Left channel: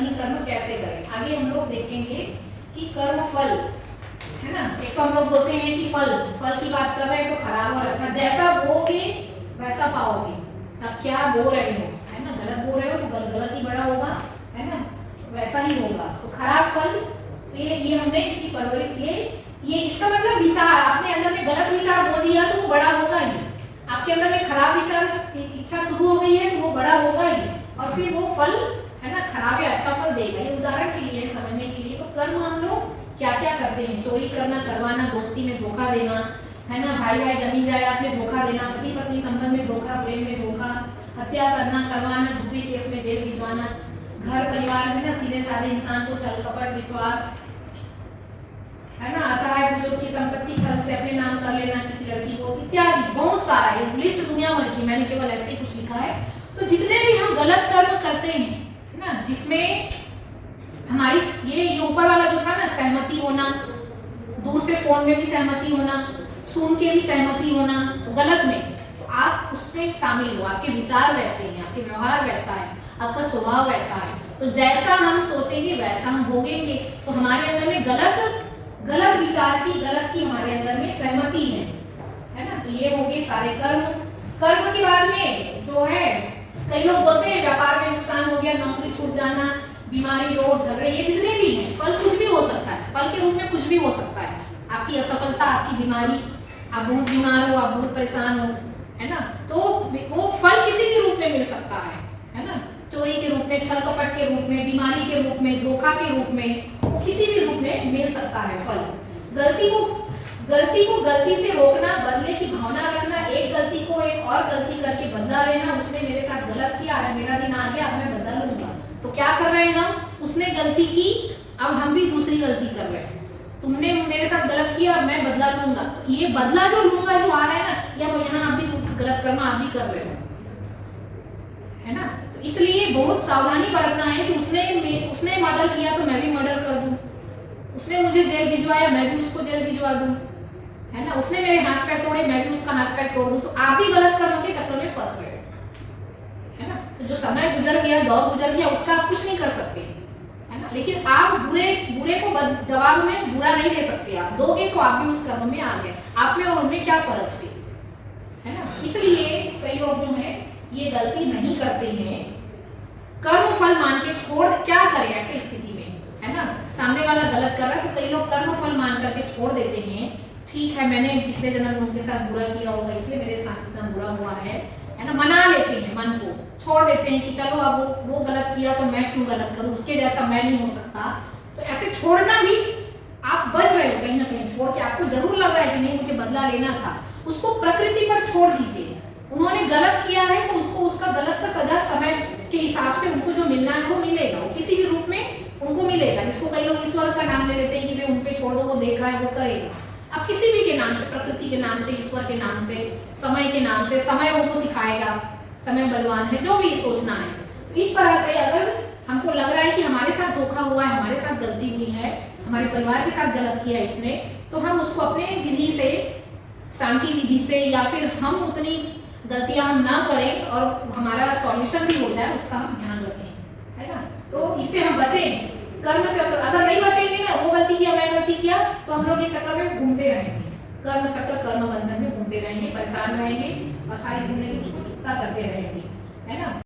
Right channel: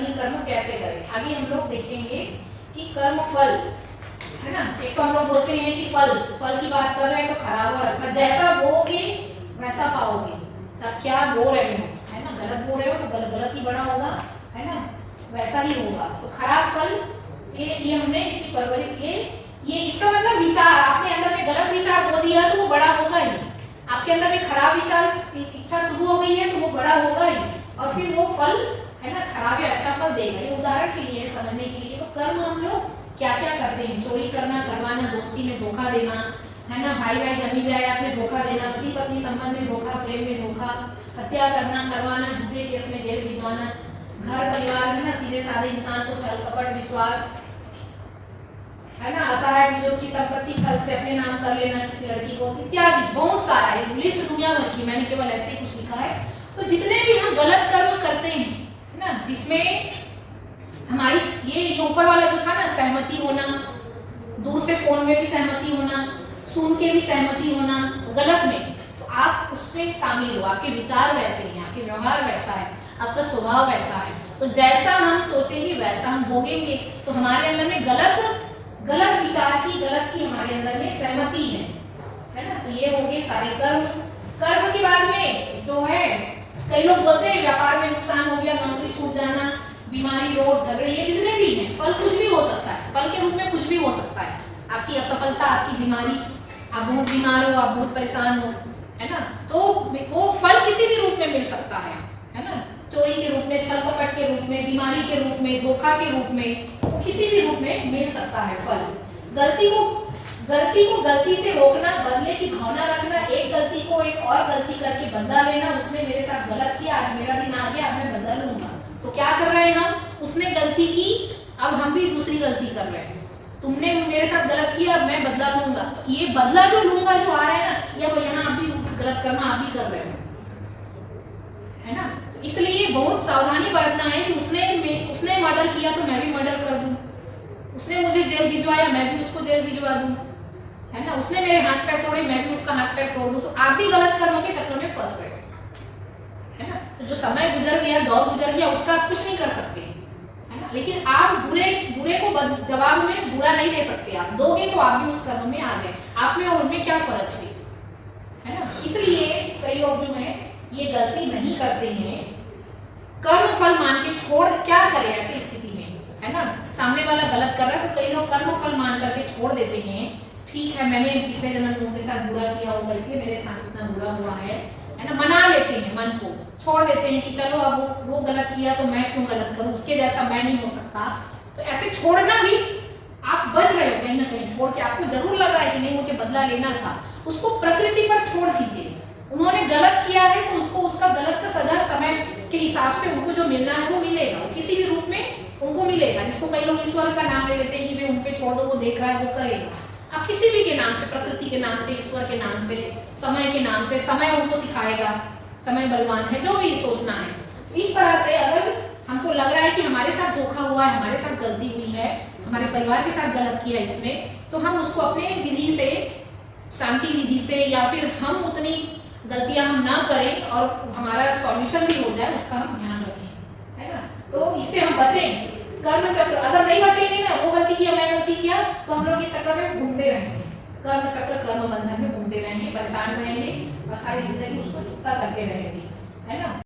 सही कर्म कैसे करें। आगे हम लोग देखेंगे कि कर्म फल है ना। एक तो हम लोग बोलते हैं कि फल की बात कर रहे हैं तो खराब और अच्छा, जैसा बोओगे वैसा पाओगे। तब क्या बो रहे हो है ना, गलत बो रहे हो तो गलत ही बड़ा होगा है ना, वैसा ही होगा। तो खराब फल, ये हमने इसकी परवरिश, ये इसका मतलब विचार, आपने अंदर में गलत विचार बो दिया तो वो बड़ा होगा ही। आपके अंदर में खराब विचार इच्छा शुरू हो गई है तो वो बड़ा होगा ही, और फिर वो फल है ना खराब या अच्छा फल देगा। ये उदाहरण के लिए समझने के लिए। तो कर्म हम लोग क्या क्या करते हैं, चोरी करना, करवाना, दोस्ती में धोखा देना है ना, भाई भाई जमीन जायदाद में धोखा देना, पति पत्नी संबंध में धोखा, प्रेम में धोखा, हत्या करना, करवाना, झूठे केस में जेल भिजवाना, घर परिवार है ना, सीधे साधे इंसान को छल कपट विश्वास है ना, असहाय बुजुर्ग की संपत्ति छल से अपने नाम कर लेना किसी लड़की को, इत्यादि बहुत सारा है, लिस्ट दुनिया भर की, मैंने केवल ऐसे ही कुछ लिखा है। तो जितने भी हम गलत कर्म करते हैं है ना, जिसमें हमारी ये ऊपर वाला जो था ना, सहमति होना, दूर से फोन में भी सहमति होना, सुन के भी सहमति होना, तो गलत में, तो आप उसमें शामिल हो, आपके विचार वैसे हैं, आपके व्यवहार वैसा है, आपका स्वभाव वैसा है, तो जैसा हम सोचेंगे वैसा हम भोगेंगे। तो हमारे अंदर में गलत विचार की, गलत की हमारे अंदर में सहमति है ना। तो ये हो गए सारे कर्म के बाद में जो है, कई लोग बोलते हैं व्यापार में नुकसान हो गया, नौकरी छूट जाना, बीमारी, रोग, झगड़े, ये जितने भी हैं, फल कुछ भी हो सकता है, फल के रूप में कुछ भी हो सकता है। आपकी असफलता, आपकी बीमारी, आप बहुत बीमार हो, आप बहुत परेशान हो है ना, तो वो फल किसी भी रूप में मिल सकता है ना, चोरी के रूप में, छल कपट के रूप में, बीमारी के रूप में, धोखा के रूप में, किसी भी रूप में मिल सकता है फल। गलती को गलती से रोकना, बदले की भावना रखना, एक गलती को एक और गलती करके बदला लेना, उसने मेरे साथ गलत किया, आज मेरा दिन आ गया, अब मैं बदला लूंगा। तो क्या कर रहे हैं हम, उसने गलती की, अब हम भी दूसरी गलती कर रहे हैं, तुमने मेरे साथ गलत किया, अब मैं बदला लूंगा। तो ये बदला जो लूंगा जो आ रहा है ना, या यहाँ आप भी गलत कर्म आप भी कर रहे हो है ना। तो इसलिए बहुत सावधानी बरतना है कि उसने मर्डर किया तो मैं भी मर्डर कर दूं, उसने मुझे जेल भिजवाया, मैं भी उसको जेल भिजवा दूं है ना, उसने मेरे हाथ पैर तोड़े, मैं भी उसका हाथ पैर तोड़ दूं। तो आप भी गलत कर्म के चक्कर में फंस रहे हो है ना। तो जो समय गुजर गया, दौर गुजर गया, उसका आप कुछ नहीं कर सकते है ना, लेकिन आप बुरे को जवाब में बुरा नहीं दे सकते। आप दोगे तो आप भी उस कर्म में आ गए, आप में और उनमें क्या फर्क फिर है ना। इसलिए कई लोग जो है ये गलती नहीं करते हैं, कर्म फल मान के छोड़, क्या करें ऐसी स्थिति में है ना, सामने वाला गलत कर रहा है तो कई लोग कर्म फल मान करके छोड़ देते हैं। ठीक है, मैंने पिछले जन्म में उनके साथ बुरा किया होगा, इसलिए मेरे साथ इतना बुरा हुआ है ना, मना लेते हैं, मन को छोड़ देते हैं कि चलो अब वो गलत किया तो मैं क्यों गलत करूं, उसके जैसा मैं नहीं हो सकता। तो ऐसे छोड़ना भी आप बच रहे हो कहीं ना कहीं, छोड़ के आपको जरूर लग रहा है कि नहीं मुझे बदला लेना था, उसको प्रकृति पर छोड़ दीजिए। उन्होंने गलत किया है तो उसको उसका गलत का सजा समय के हिसाब से उनको जो मिलना है वो मिलेगा, वो किसी भी रूप में उनको मिलेगा। जिसको कई लोग ईश्वर का नाम ले लेते हैं कि वे उन पे छोड़ दो, वो देख रहा है, वो करेगा। आप किसी भी के नाम से, प्रकृति के नाम से, ईश्वर के नाम से, समय के नाम से, समय उनको सिखाएगा, समय बलवान है, जो भी सोचना है। इस तरह से अगर हमको लग रहा है कि हमारे साथ धोखा हुआ है, हमारे साथ गलती हुई है, हमारे परिवार के साथ गलत किया इसने, तो हम उसको अपने विधि से, शांति विधि से, या फिर हम उतनी गलतियां हम ना करें और हमारा सॉल्यूशन भी हो जाए, उसका हम ध्यान रखें है ना। तो इससे हम बचें। कर्म चक्र अगर नहीं बचेंगे ना, वो गलती किया, मैं गलती किया, तो हम लोग ये चक्र में घूमते रहेंगे, कर्म चक्र, कर्म बंधन में घूमते रहेंगे, परेशान रहेंगे और सारी जिंदगी उसको चुकता करते रहेंगे है ना।